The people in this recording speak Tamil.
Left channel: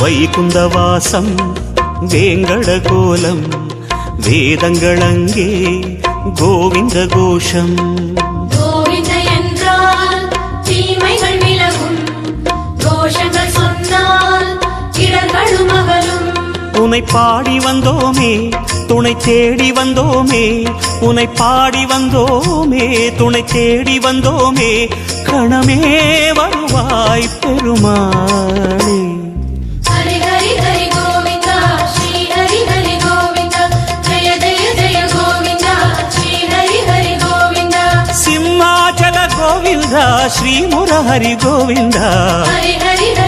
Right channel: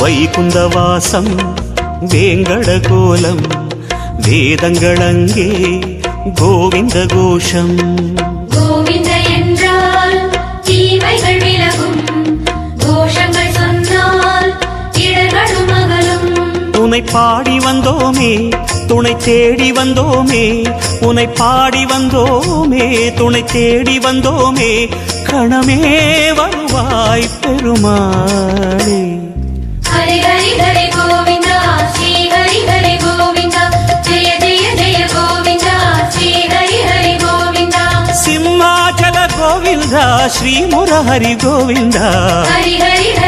வைகுந்தவாசம் வேங்கடகோலம் வேதங்களங்கே கோவிந்த கோஷம். கோவிந்த என்றால் தீமைகள் விலகும், கோஷங்கள் சொன்னால் இடர்களும் அகலும். உனை பாடி வந்தோமே துணை தேடி வந்தோமே, உனை பாடி வந்தோமே துணை தேடி வந்தோமே, கணமே வருவாய் பெருமாளே. ஹரி ஹரி ஹரி கோவிந்தா ஸ்ரீ ஹரி ஹரி கோவிந்தா, ஜெய ஜெய ஜெய கோவிந்தா ஸ்ரீ ஹரி ஹரி கோவிந்தா. சிம்மாச்சல கோவிந்தா ஸ்ரீ முரஹரி கோவிந்தா, ஹரி ஹரி ஹரி